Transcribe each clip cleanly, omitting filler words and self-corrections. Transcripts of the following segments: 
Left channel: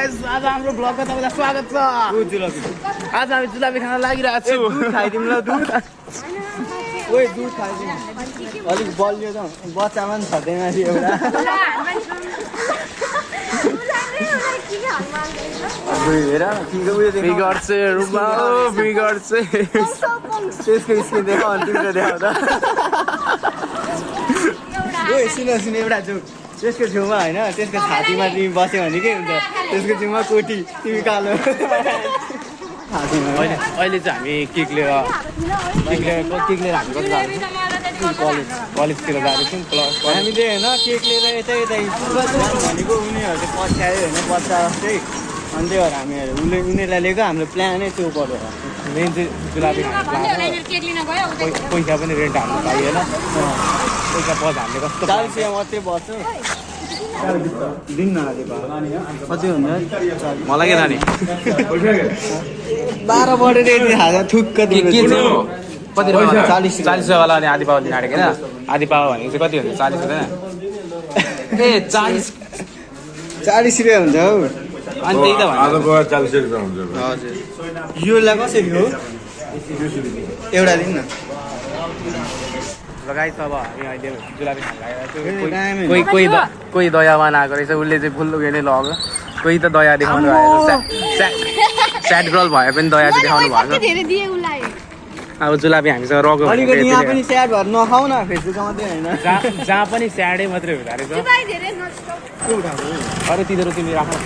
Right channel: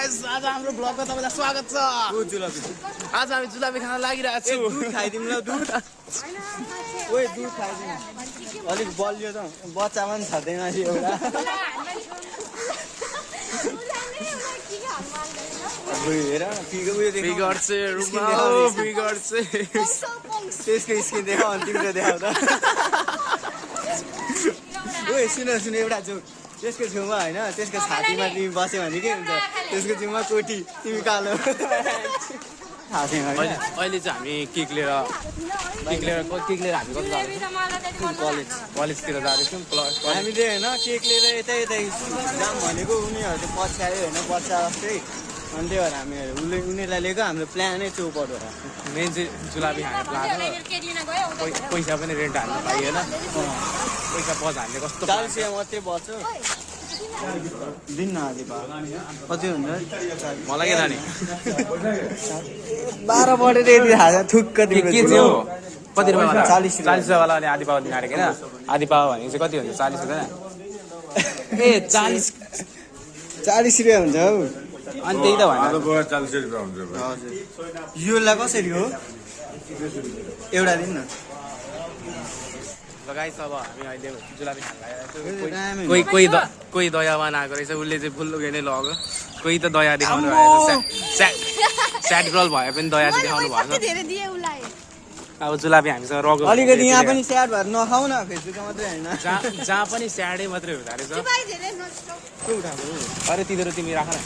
Guys आज हाम्रो ब्लगमा तपाईलाई स्वागत छ। आज हामी जुलाबी खान लागिरहेको छु। खाइदिउँ ल दुध। ओए दुध खाइदिउँ। अलिक बलियो त बच्चामा पनि छँदैन एउटा। हेर फिगर चाहिँ रुममा हो फिगर चाहिँ त्यसको स्किन देखा अनि तिम्रो देखा त। ओए सुन एउटा जोक त्यसको छेउमा होइन त्यसको छातीमा तिमी बस्यो भने के हुन्छ त्यसको छेउमा कोटी तिमी कालो। अहिले चाहिँ हामी केक लिएर हामी कति जाँदैछौँ कलेजतिर जाँदैछौँ। हामीले होइन केक लिएर यतै भनेको उनीहरू पछ्यायो होइन बच्चा जस्तै अनि त्यही भएर हामीहरू उनीहरूलाई लिएको हाम्रो प्लानै त्यो परेर मेन चाहिँ जुलाबी खाने प्लान हो। पैसा पनि रेन्ट हाल्नु पाइएन। पैसा बज हामीले कस्तो 40 मात्रै बच्छ। दिन कति भन्दा मलाई के लाने 12 बढेर यति हाल्दा थुक्क के थियो कति 40 वाला अनि आधी पावा दिन आँटेको होइन। आधी पावा भनेको चाहिँ कति हुन्छ 40 हुँदैन ए 40 रुपियाँ हुन्छ हौ। अनि त्यही त 40 रुपियाँ हुन्छ। हजुर योलाई कसरी हो एउटा दिन न लगाइछ। अब हामी अहिले जुलाबी खान लागेको कोही दयावान आएको रहेछ उसले चाहिँ फुल उयो नै लग्यो। कोही त दया देखाउनु भएको स्याड गर्ल भए पनि दया चाहिँ देखाउनु भएको। अब जुलाबी हामीसँग रग्यो भने यहाँ पनि स्याड भएर नखाऊ न फेसबुकमा मात्रै होइन जहाँ पनि स्याडै मात्रै हुँदो रहेछ। अरू तिनीहरू तिमी राख्नु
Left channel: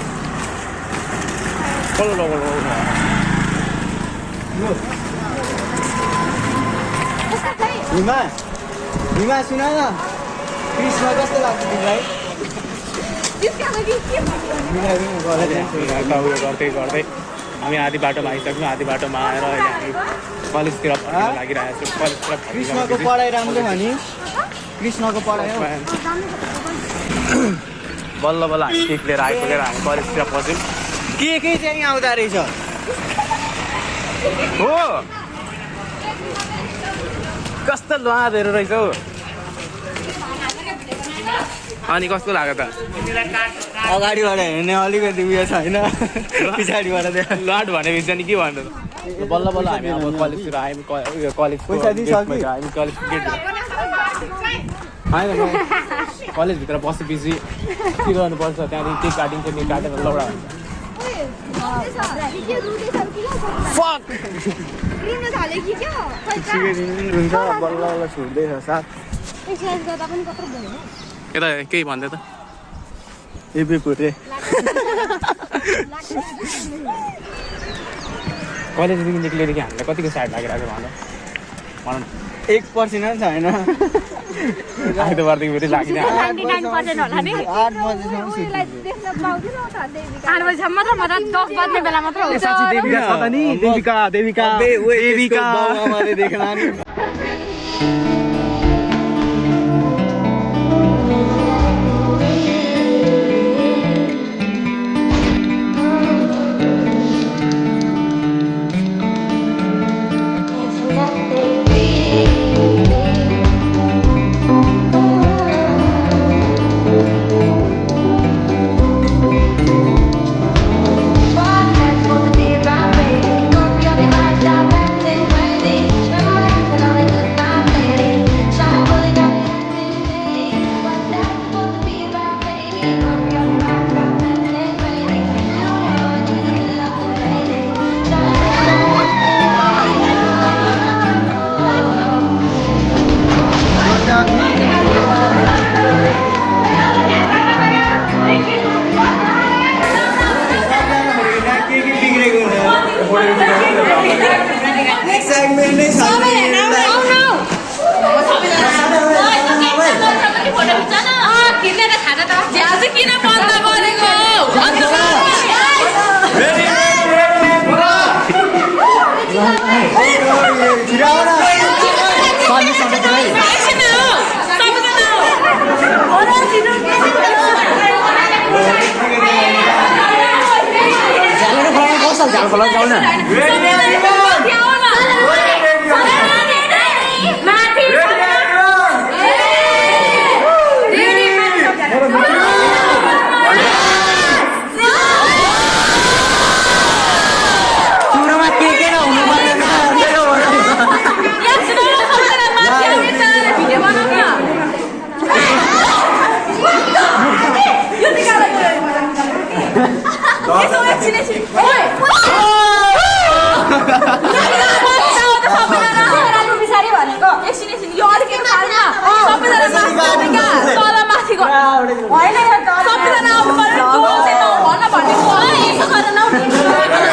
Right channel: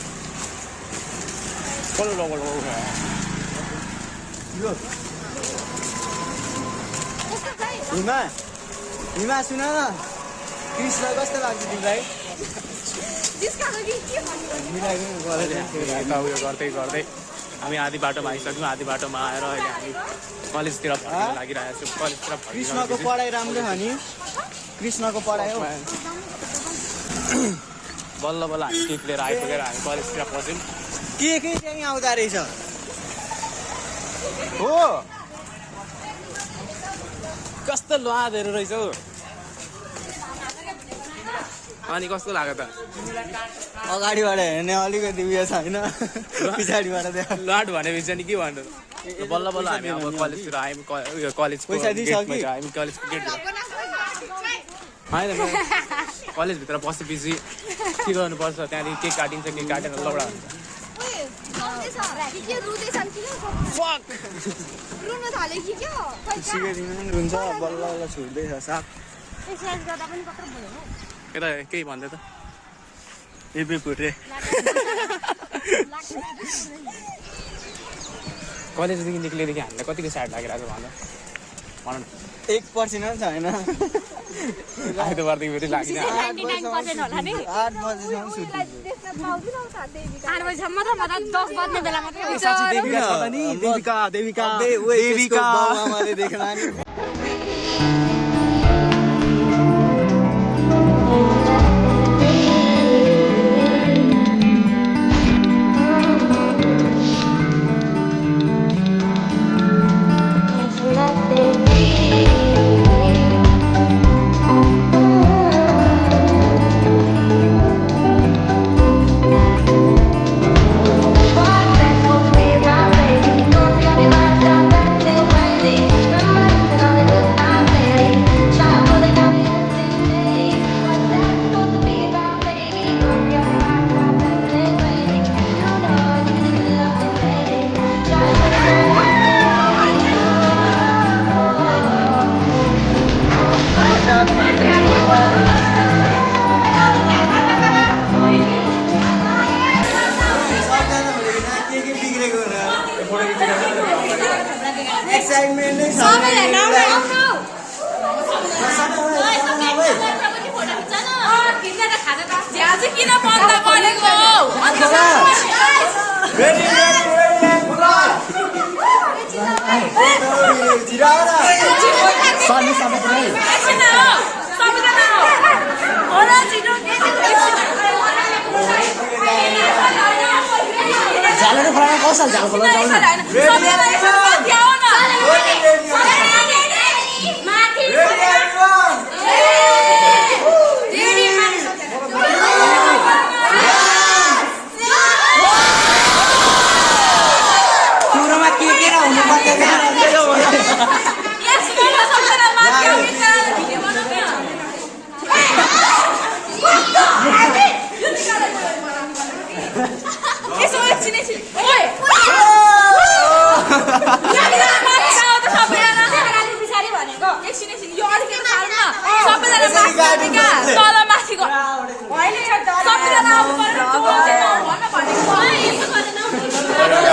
हिमा सुन न कृष्ण कस्तो लाग्छ तिमीलाई? गर्दै गर्दै हामी आधी बाटोमा आइसक्यौँ। आधी बाटोमा आएर अहिले हामी कलेजतिर लागिरहेको छौँ। कृष्णको पढाइ राम्रो भने कृष्णको पढाइ बल्ल बल्ल हामी केक लिएर आइपुगेर हामी कलेजतिर पस्यौँ। के चाहिँ आउँदो रहेछ हो कस्तो लुहादहरू रहेछ हौ। अनि कस्तो लाग्यो त अगाडिबाट हेर्ने अलिकति उयो छैन पछाडिबाट लाट भनेको चाहिँ नि के भन्नु। बल्ल बल्ल हामी अब कलेजतिर आयौँ। कलेजको हामी कलेजको गेटतिर होइन म कलेजभित्र पसेपछि के गर्नुपर्छ त्यहाँदेखि केक काटिन्छ केक काटेर लौडा हुन्छ। हुन्छ बल्ल बल्ल छुट्दैछ साथ यता केही भन्दै त एपी फुटे कलेजदेखि निक्लेदेखि हामीलाई कतिको साइड लागिरहेको छ भनौँ 1% पनि छैन। आइतबारदेखि फेरि लाग्ने 8 बजीसम्म साँच्ची देविका छ त नि देविका देख्न यसो एकछिन पछाडि भनेको एकछिन यो अलिकति सबैजना तल माथि होइन सबैजना भन्न भनेको यसो गरेर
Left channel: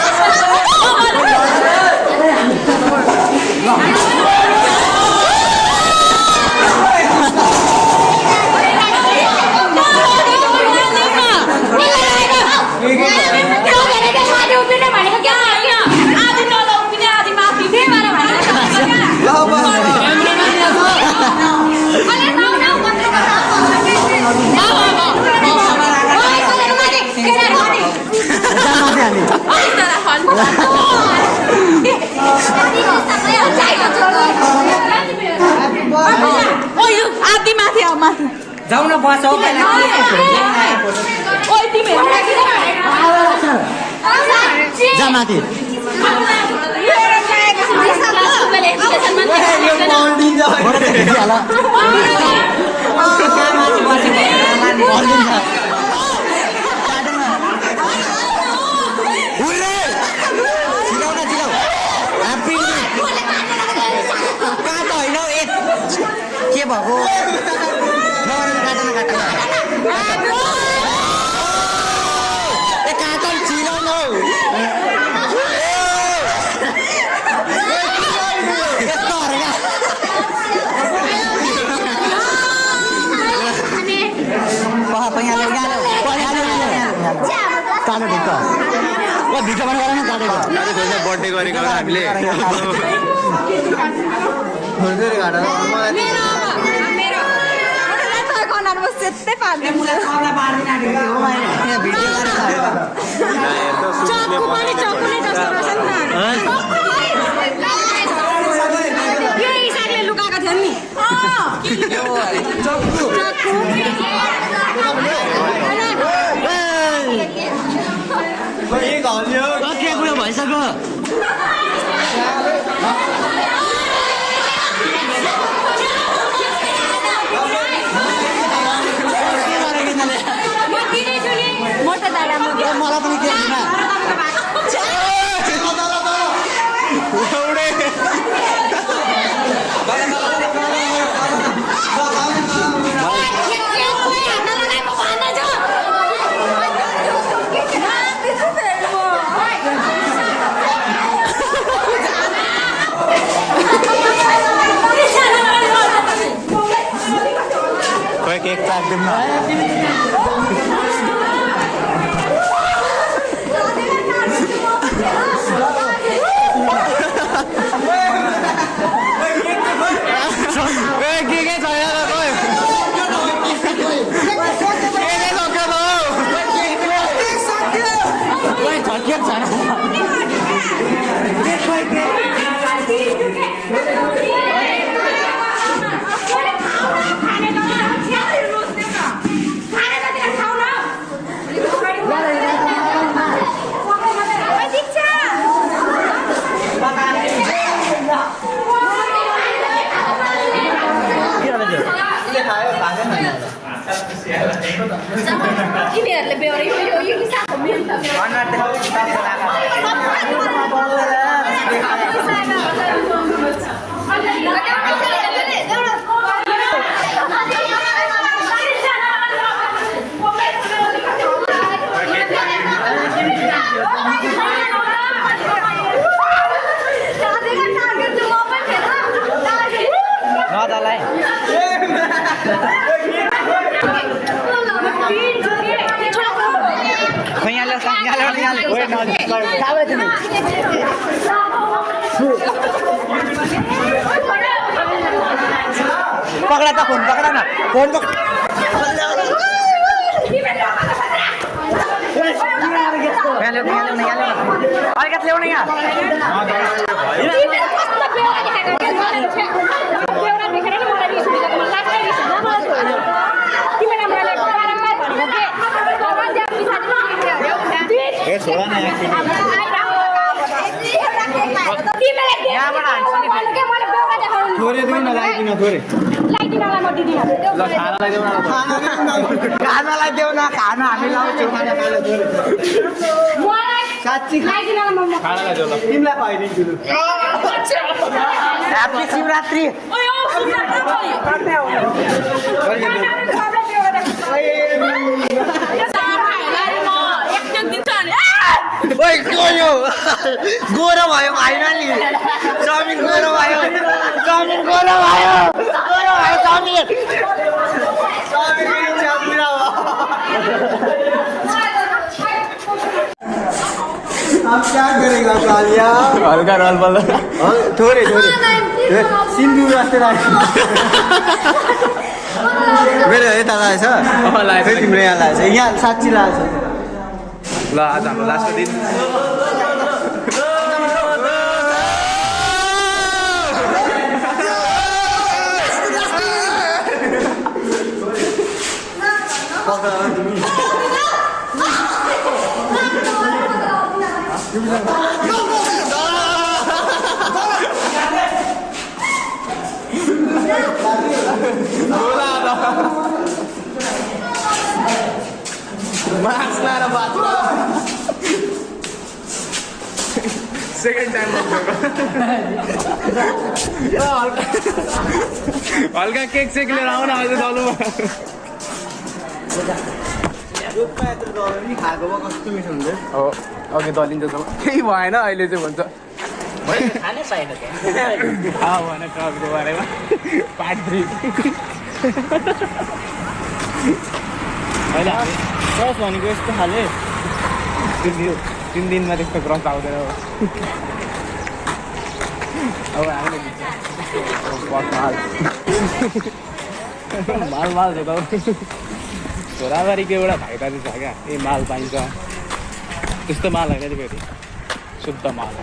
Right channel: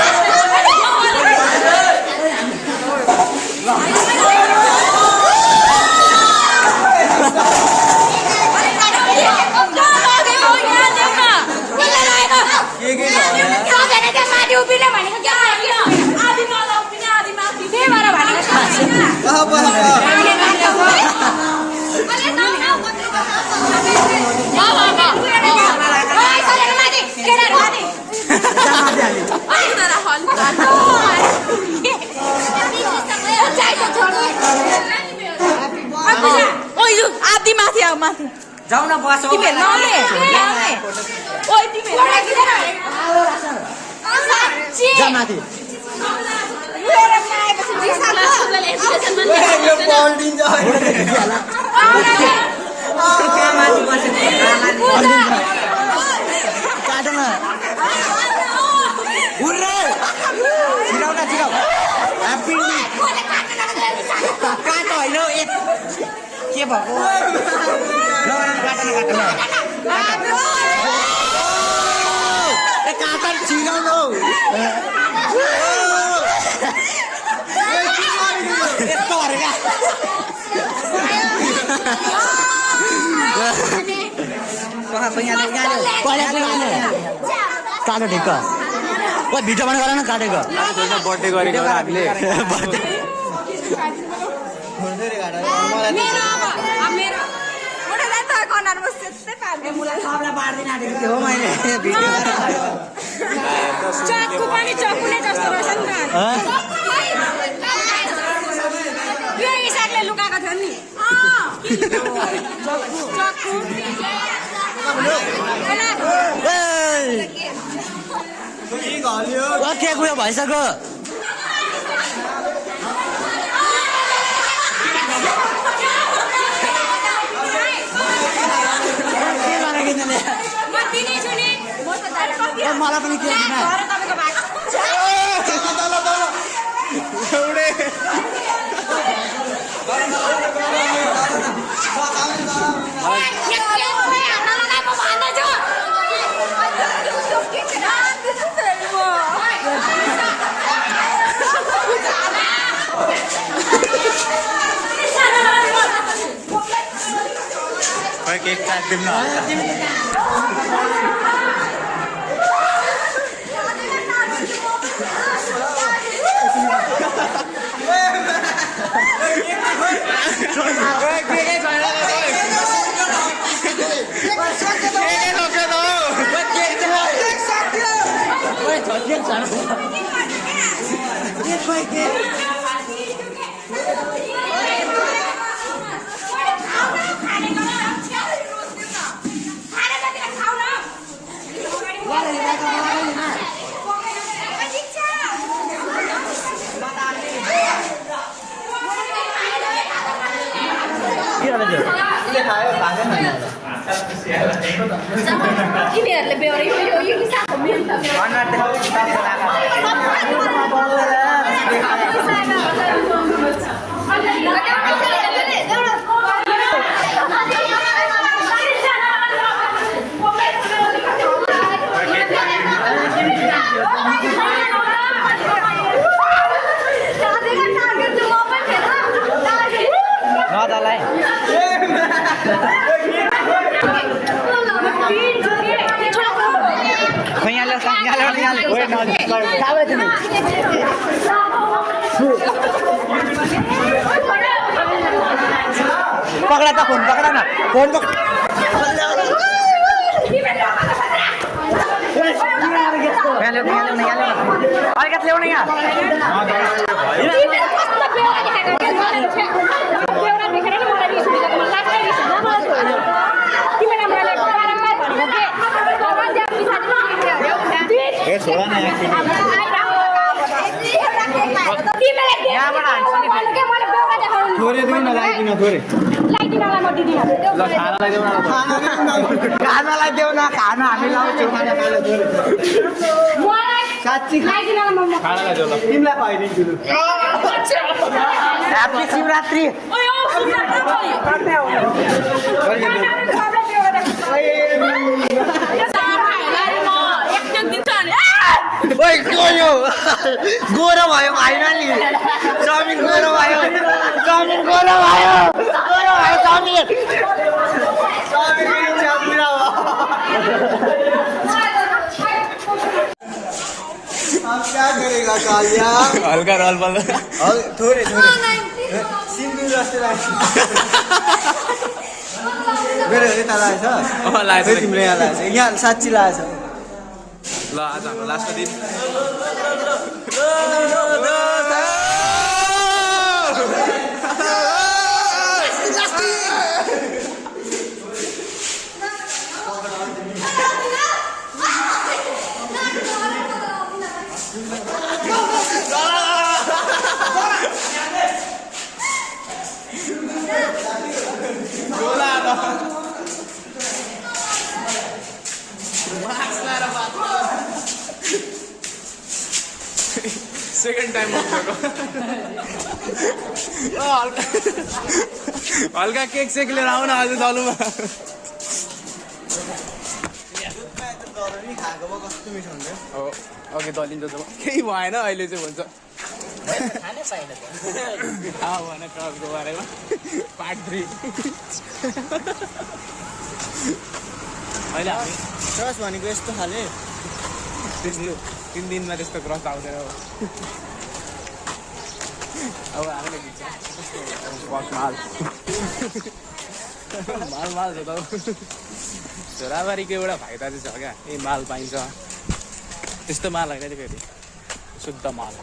जाऊ न बस हो यो पाउन्डिङ के भएको काटन छिराउनु बर्थडे गरेको हामीले लुकाएको थियो नि के कुरा भइसक्यो केक काट्दिउँ न यिनीहरूले बेहोरे यो किसानको मेन त पकड़ा था फोन पकड़ा ना फोन थोरै दिन लगाइदिन थोरै खानालाई देऊ न खाना हामी लाउँछौँ साँच्ची खानालाई जो ल तिमीलाई खुवाइदिन्छु लु ह्याप्पी शिवरात्रि ओइ गयो गोरो भयो फाइनली चाउमिन गोरो भयो चाउमिन गोरो भयो चाउमिन अब क्या करेगा कालिया हल्का रोल बल थोरै सिन्दुर जस्तो लाग्छ मेरो यता लागेछ लागेछ तिम्रो यहाँ लागेछ यहाँ साँच्ची लागेछ ल आज हाम्रो लास्ट दिन सेकेन्ड टाइम हल्का केक सेक लिएर आउन अहिले दलुमा खाएको भए कस्तो मिठो हुन्थ्यो हो अघि दलिँदैछ केही भएन अहिले चाहिँ भन्छ खानै पाएन भन क्लबको बारेमा पार्ट 3 अहिले हामी क्रस भनेको यस्तो खाले 3 दिनमा त्यस्तो क्रस आउँदैन अब हामीले दिन्छ माल छ त छोराबारीको एउटा फाइदा चाहिँ छ क्या ए माल पाइन्छ त्यस्तो माल होइन नि फेरि शुद्ध माल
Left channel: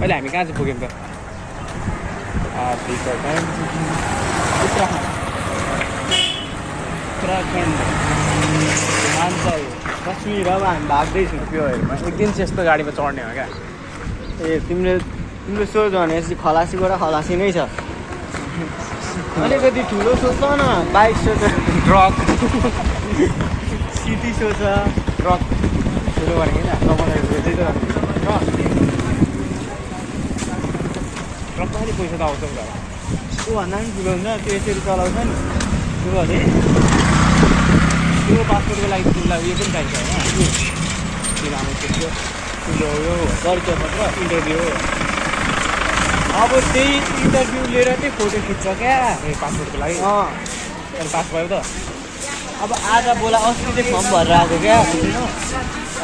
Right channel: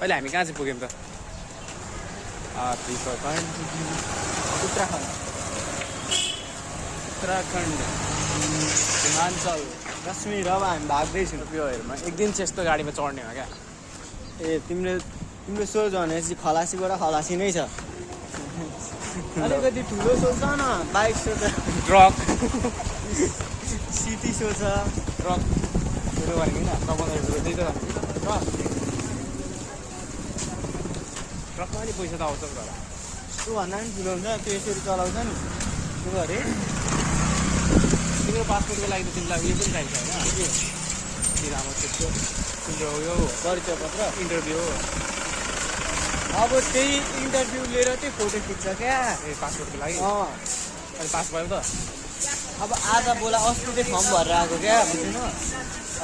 अहिले हामी कहाँ चाहिँ पुग्यौँ त उत्तराखण्ड हिमाञ्चल कश्मीर अब हामी भाग्दैछौँ त्यो हेर्नु एक दिन चाहिँ यस्तो गाडीमा चढ्ने हो क्या ए तिम्रो सोच भनेपछि खलासीबाट खलासी नै छ अलिकति ठुलो सोच न बाइक सोच ट्रक सिटी सोच ट्रक ठुलो भनेको होइन ट्रकमा अलिक पैसा त आउँछ नि त त्योभन्दा पनि ठुलो हुन्छ त्यो यसरी चलाउँछ नि त्यो अरे त्यो पासपोर्टको लागि तिमीलाई उयो पनि चाहिन्छ होइन किन आमा त्यो उयो परिचय पत्र इन्टरभ्यू अब त्यही इन्टरभ्यू लिएर चाहिँ फोटो खिच्छ क्या ए पासपोर्टको लागि अनि पास भयो त अब आज बोला अस्ति चाहिँ फर्म भरेर आएको क्या बुझ्नु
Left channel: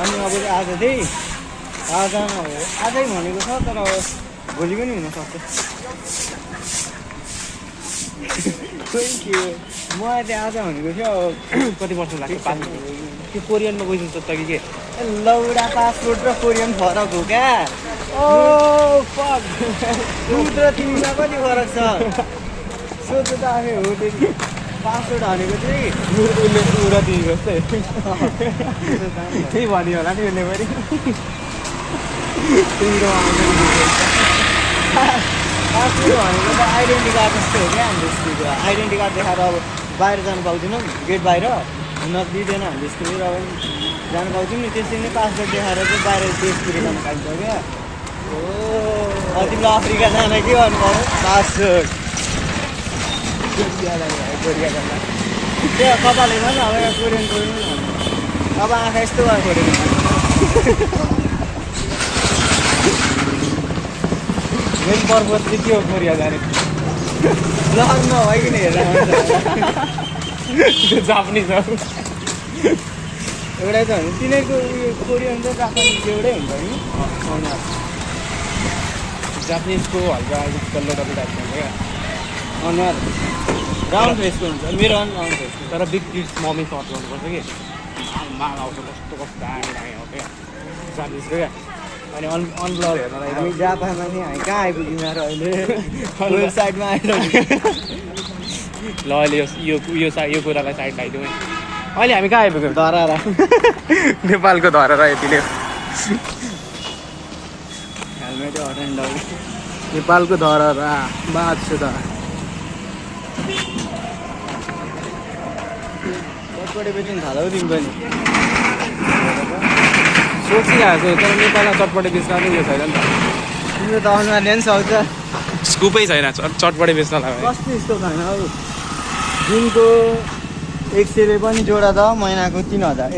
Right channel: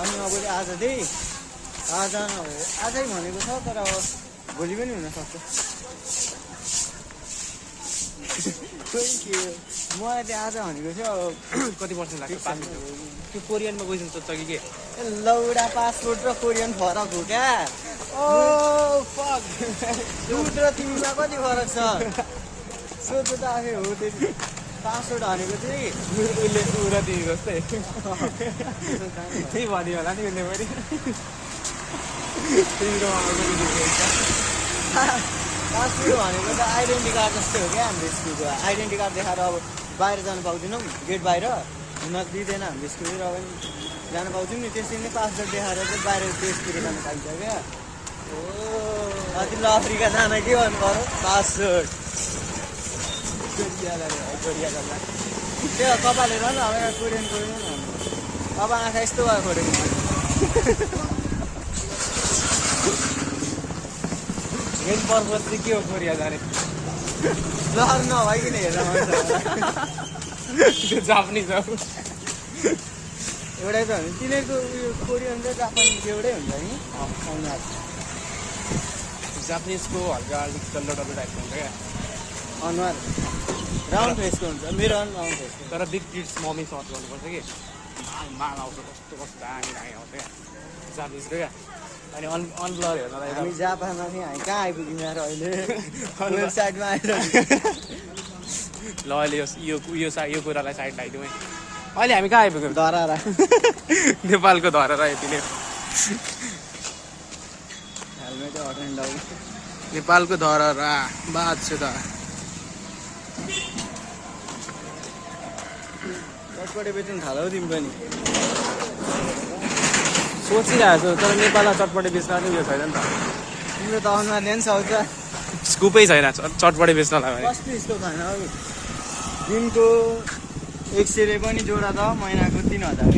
अनि अब आज चाहिँ आज आजै भनेको छ तर भोलि पनि हुनसक्छ खोइ के हो मलाई चाहिँ आज भनेको थियो कति वर्ष लाग्छ पासपोर्ट त्यो कोरियनमा गइसक्छ त कि के लौडा पासपोर्ट र कोरियन फरक हो क्या ओ फक दुध र तिमीमा कति फरक छ सोध्नु त आफै हो त्यो पासपोर्ट भनेको चाहिँ उसले उ र तिमी जस्तै त्यही भन्यो होला नि उसले पनि पासपोर्ट भनेको त आइडेन्टी कार्ड जस्तो हो क्या हाम्रो स्कुलको आइडेन्टी कार्ड देखाएर अब बाहिर जानु पाउँदैनौँ गेट बाहिर हुन दिँदैन हाम्रो स्कुलतिर अब जानु पाउँछौँ नि त्यसरी नै पासपोर्ट देखाएर चाहिँ बाहिर देशतिर जानु पाइन्छ क्या हो तिमीलाई अफ्रिका जान के गर्नु पऱ्यो पासपोर्ट कोरिया गर्दा त्यो कपाल हेर्नु न अब कोरियन अब आँखा यस्तो भयो फोटो मेन पर्पज चाहिँ के हो कोरिया जाने लग्न नभइकन हेरेर त्यो जापानिज हो एउटै त हो नि तिनीहरूको उयो कोरियन र जापानिज एउटै हुन्छ नि अनुहार जापानिजको हल्का अलिक डल्लो डल्लो टाइपको हुन्छ क्या अनुहार राउन्ड फेसको हुन्छ मेरो राउन्ड फेसको तर बिग किड्स मम्मी सर्च गर्नुपर्छ कि माल आउँछ कस्तो कस्तो दामी दामी आउँछ क्या जापानिजको क्या अनि अनब्लर हेर्नलाई हामी जापानमा नि हामी कहाँ आइपुग्यौँ यार अहिले साइडमा आइसक्यो ल अहिले यो कुरालाई साइड लगाइदिउँ है अहिले हामी कहाँ आइपुग्यौँ धरारा नेपालको धरारा यति नै हेलमेटै हटाइन्ड नेपालको धरारा बात छ त चटपटे बेच्नु थाल्यो तिमी पनि सोचिरहेको छु तर नेपालमा चटपटे बेच्न पनि उयो छैन नि त तिम्रो त अनुहार ल्याउनु सक्छ स्कुपै छैन चटपटे बेच्न लाग्यो कस्तो यस्तो खाना हौ दिनको 100ले पनि जोडा त महिनाको 3000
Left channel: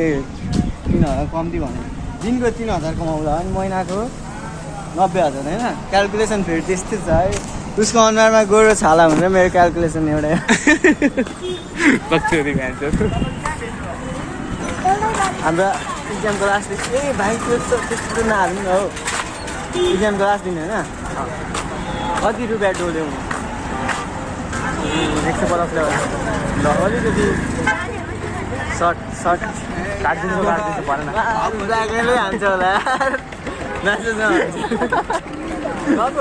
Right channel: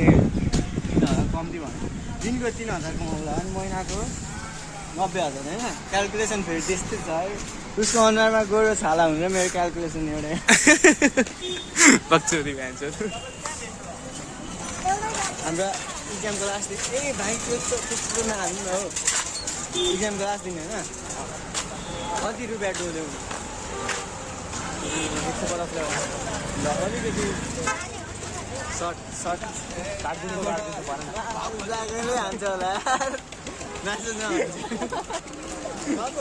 3000 कम्ती भने दिनको 3000 कमाउँला अनि महिनाको 90000 होइन क्यालकुलेसन फेरि त्यस्तै छ है उसको अनुहारमा गोरो छाला हुन्छ मेरो क्यालकुलेसन एउटा कच्चोरी खान्छ हाम्रो इक्जामको लास्ट दिन भाइ त्यस्तो नहाल्नु न हौ इक्जामको लास्ट दिन होइन कति रुपियाँ डोल्यौ 150 ल अलिकति सर्ट काटिदिनु परेन जागेलै हान्छ होला म्यासेज नहान्छ